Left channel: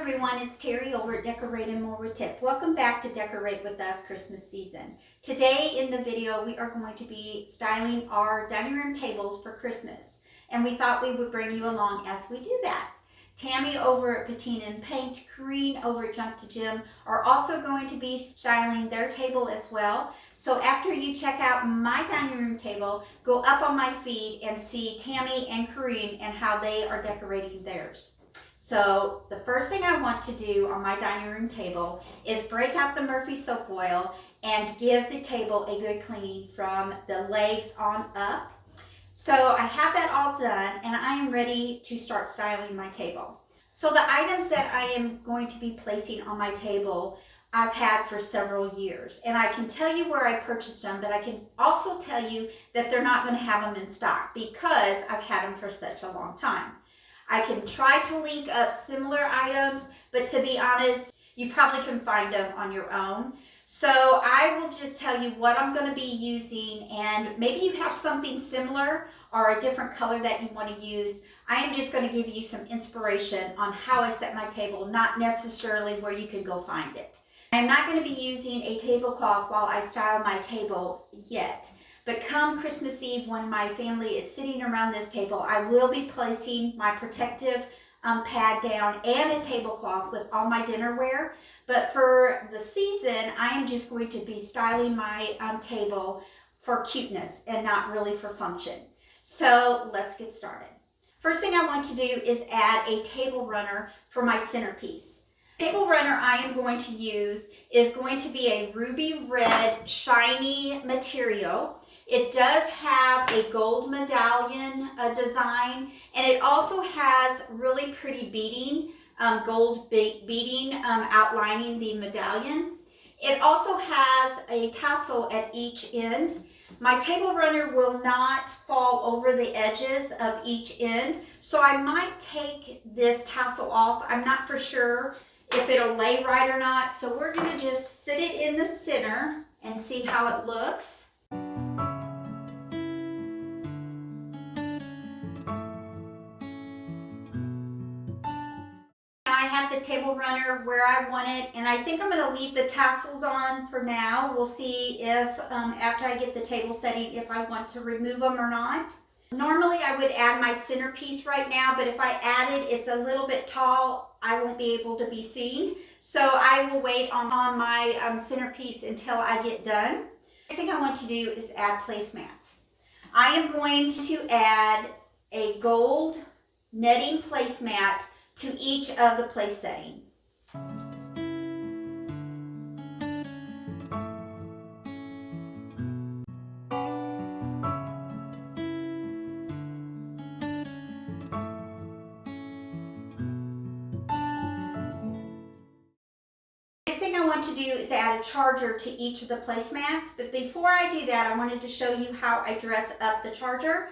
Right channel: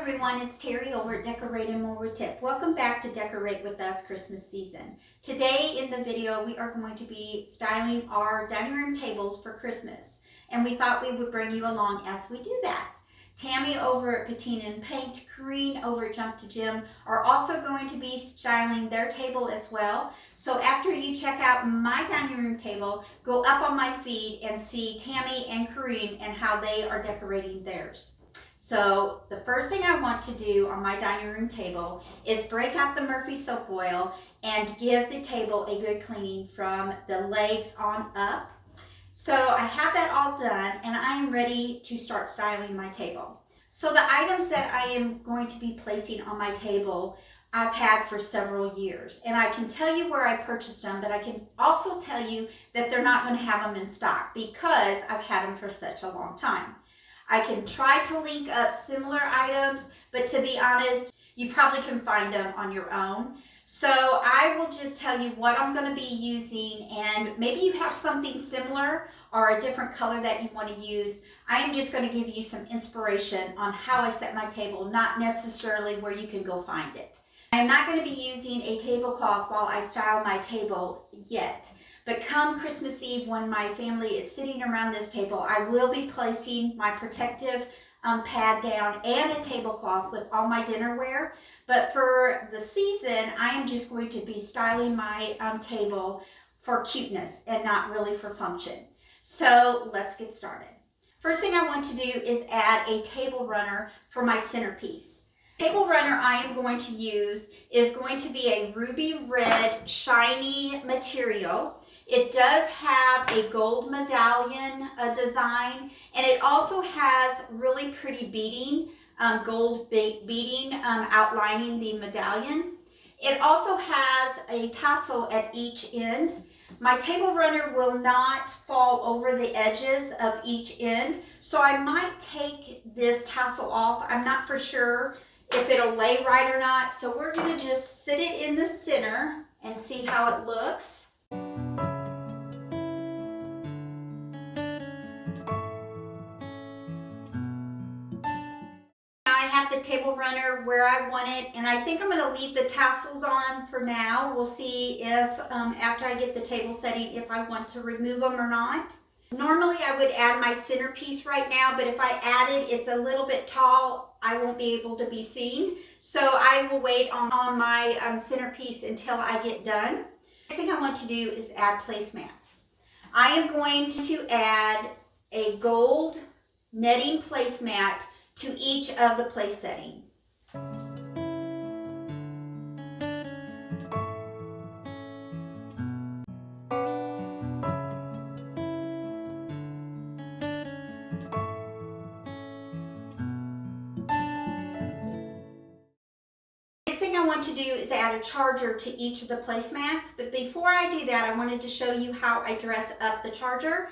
everyone, it's Terry over at Decorate and More with Tip. Welcome back to Decorate with Us Christmas season. Today in the video we are going to be styling our dining room tables for Christmas, and we thought we would bring you along as we do that. Tammy over at Patina and Paint, Corrine over at Jump to Gym are also going to be styling their table as well. So after you check out my dining room table, go up on my feed and see Tammy and Corrine and how they are decorating theirs. So the first thing I want to do on my dining room table is break out the Murphy soap oil and give the table a good cleaning from the legs on up. So I have that all done and I am ready to start styling my table. So the items that I am going to be placing on my table I've had for several years, and I can tell you where I purchased them, but I can also tell you that they're not going to have them in stock because I've had them for such a long time. I can try to link up similar items, but to be honest, you probably can find them on your own. So I will just tell you what I'm going to be using, and maybe you have something similar or a different color that you want to use. I am just going to give you some inspiration on how I set my table, not necessarily where you can go find it. I'm not going to be using a tablecloth while I style my table yet. But come Christmas Eve, when my family is sitting around this table, I will be placing my protective pad down and a tablecloth with all my dinnerware. But for the season, I am just going to be styling my table for cuteness and not really for function. So let's get started. First thing I want to do is add a table runner for my centerpiece. Table runner I am going to use is going to be a ruby red shiny material. It does have a gold medallion design, and it also has really pretty beading, gold beading outlining the medallion. It also has a tassel at each end. My table runner will not fall over the edges of each end, so I might take this tassel off. I'm not for sure if it'll lay right or not, so we're going to just sit it in the center and see how it looks. I have the table runner where I want it, and I think I'm going to leave the tassels on for now. We'll see if after I get the table setting, if I want to remove them or not. Normally I would add my centerpiece right now, but if I add it, it's a little bit tall. I won't be able to be seen. So I will wait on my centerpiece until I get done. Next thing I want to do is add placemats. I am going to add a gold netting placemat to each of the place setting. Next thing I want to do is add a charger to each of the placemats, but before I do that, I wanted to show you how I dress up the charger.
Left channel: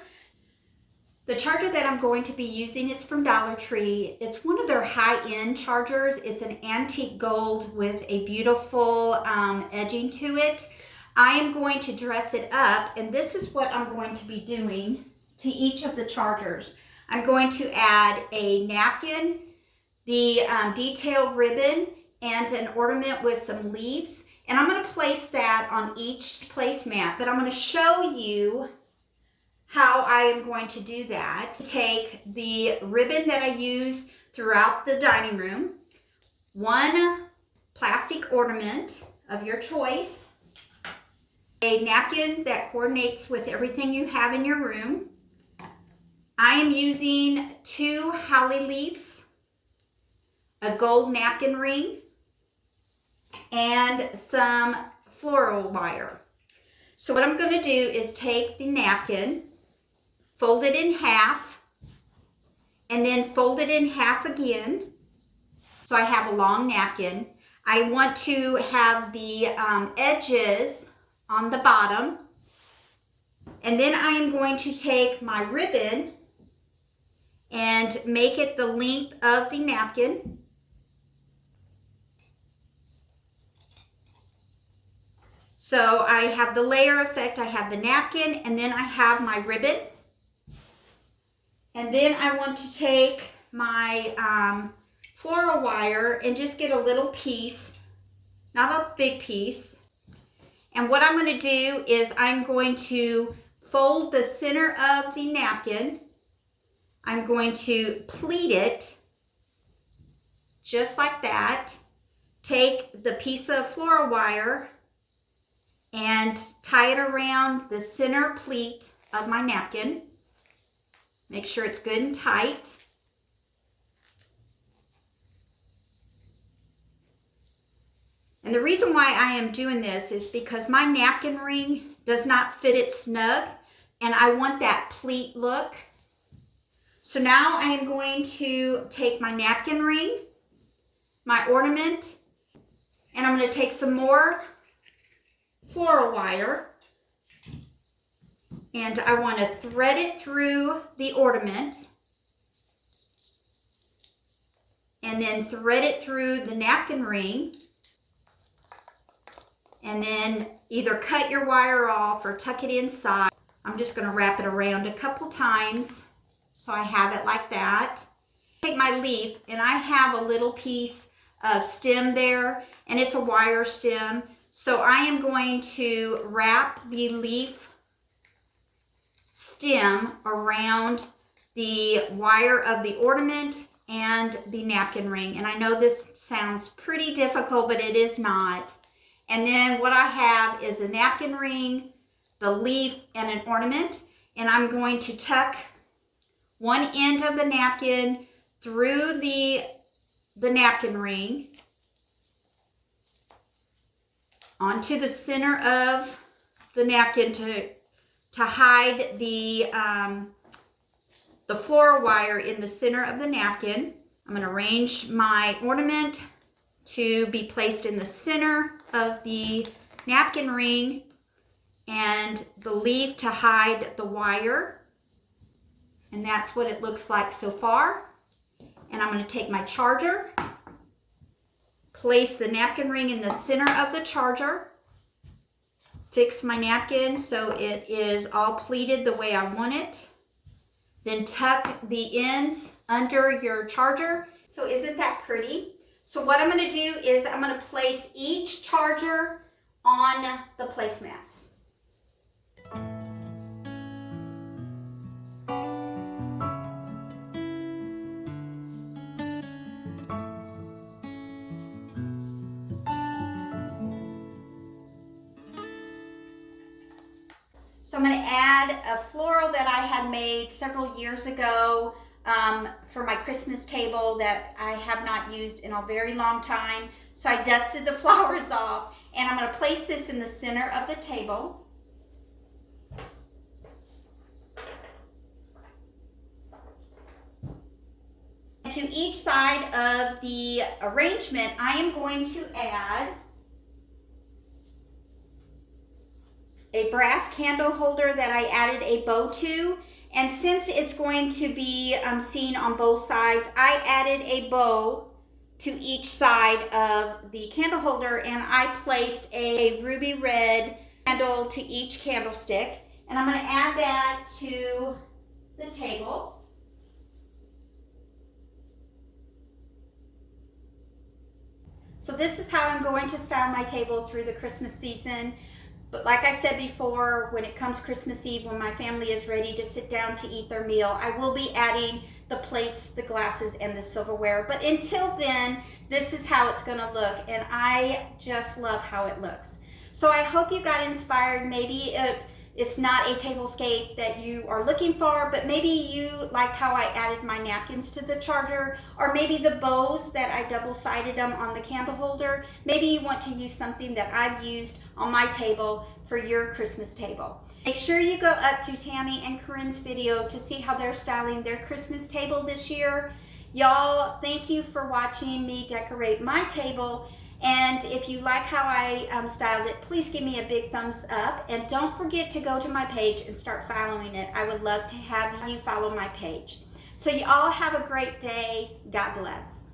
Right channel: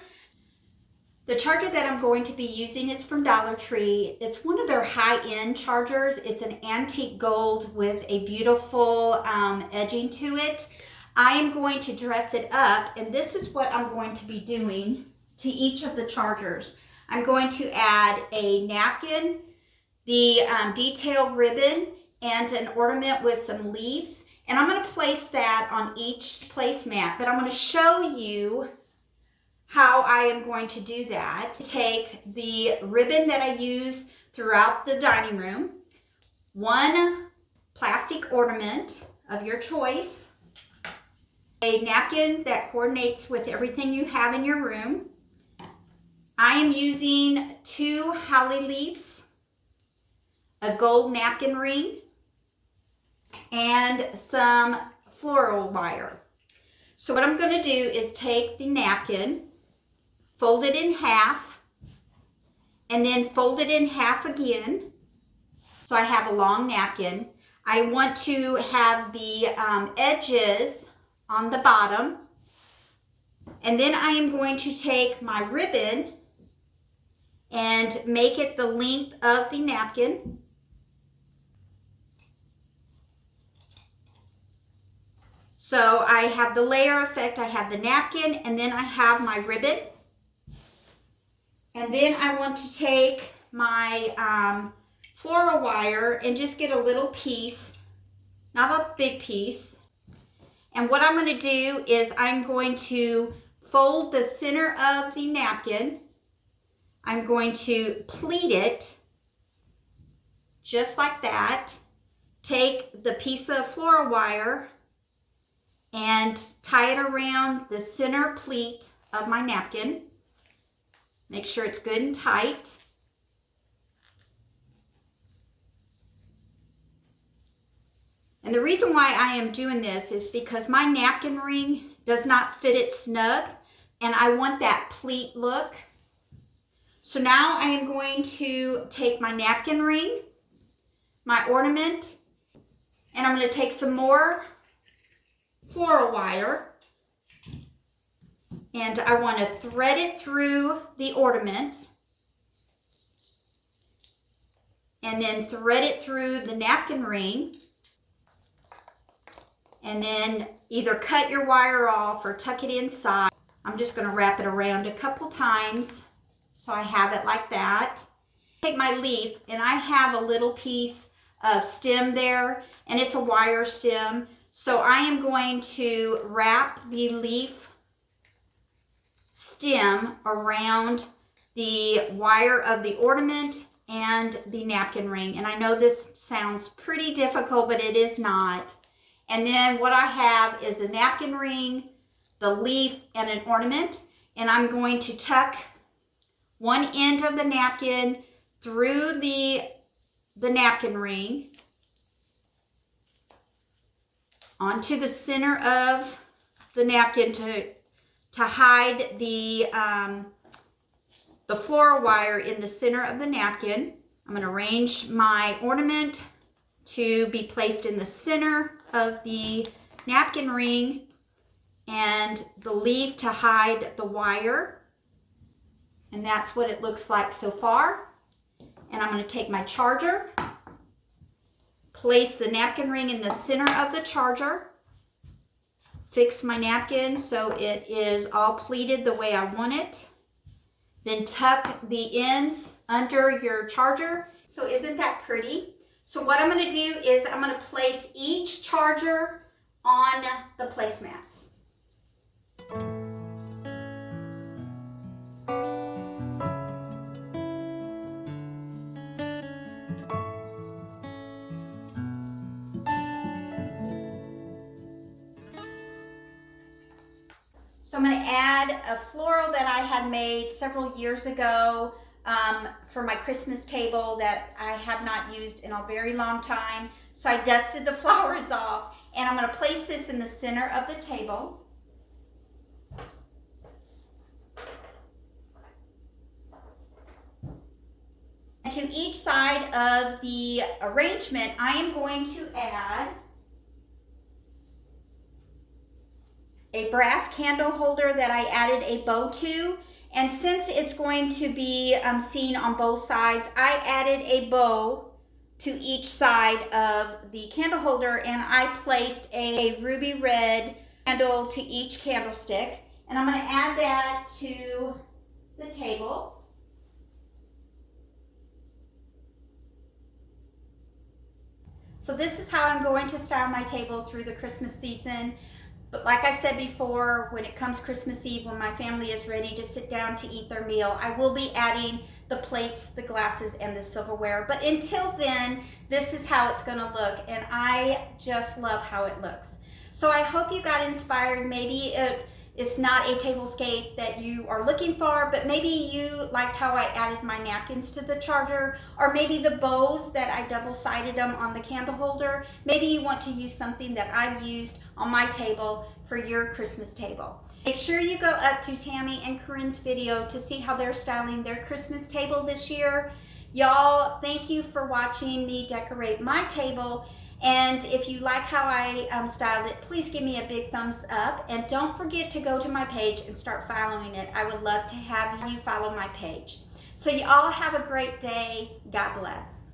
The charger that I'm going to be using is from Dollar Tree. It's one of their high-end chargers. It's an antique gold with a beautiful edging to it. I am going to dress it up, and this is what I'm going to be doing to each of the chargers. I'm going to add a napkin, the detail ribbon, and an ornament with some leaves. And I'm going to place that on each placemat, but I'm going to show you how I am going to do that. Take the ribbon that I use throughout the dining room, one plastic ornament of your choice, a napkin that coordinates with everything you have in your room. I am using 2 holly leaves, a gold napkin ring, and some floral wire. So what I'm going to do is take the napkin, fold it in half, and then fold it in half again. So I have a long napkin. I want to have the edges on the bottom. And then I am going to take my ribbon and make it the length of the napkin. So I have the layer effect. I have the napkin, and then I have my ribbon. And then I want to take my floral wire and just get a little piece, not a big piece. And what I'm going to do is I'm going to fold the center of the napkin. I'm going to pleat it just like that. Take the piece of floral wire and tie it around the center pleat of my napkin. Make sure it's good and tight. And the reason why I am doing this is because my napkin ring does not fit it snug, and I want that pleat look. So now I am going to take my napkin ring, my ornament, and I'm going to take some more floral wire, and I want to thread it through the ornament, and then thread it through the napkin ring, and then either cut your wire off or tuck it inside. I'm just going to wrap it around a couple times so I have it like that. Take my leaf, and I have a little piece of stem there, and it's a wire stem. So I am going to wrap the leaf stem around the wire of the ornament and the napkin ring. And I know this sounds pretty difficult, but it is not. And then what I have is a napkin ring, the leaf, and an ornament. And I'm going to tuck one end of the napkin through the napkin ring onto the center of the napkin to hide the floral wire in the center of the napkin. I'm going to arrange my ornament to be placed in the center of the napkin ring, and the leaf to hide the wire. And that's what it looks like so far. And I'm going to take my charger, place the napkin ring in the center of the charger, fix my napkin so it is all pleated the way I want it, then tuck the ends under your charger. So isn't that pretty? So what I'm going to do is I'm going to place each charger on the placemats. So I'm going to add a floral that I had made several years ago for my Christmas table that I have not used in a very long time. So I dusted the flowers off, and I'm going to place this in the center of the table. And to each side of the arrangement, I am going to add a brass candle holder that I added a bow to. And since it's going to be seen on both sides, I added a bow to each side of the candle holder, and I placed a ruby red candle to each candlestick. And I'm going to add that to the table. So this is how I'm going to style my table through the Christmas season. But like I said before, when it comes Christmas Eve, when my family is ready to sit down to eat their meal, I will be adding the plates, the glasses, and the silverware. But until then, this is how it's going to look, and I just love how it looks. So I hope you got inspired. Maybe it's not a tablescape that you are looking for, but maybe you liked how I added my napkins to the charger, or maybe the bows that I double-sided them on the candle holder. Maybe you want to use something that I've used on my table for your Christmas table. Make sure you go up to Tammy and Corinne's video to see how they're styling their Christmas table this year. Y'all, thank you for watching me decorate my table. And if you like how I styled it, please give me a big thumbs up. And don't forget to go to my page and start following it. I would love to have you follow my page. So you all have a great day. God bless.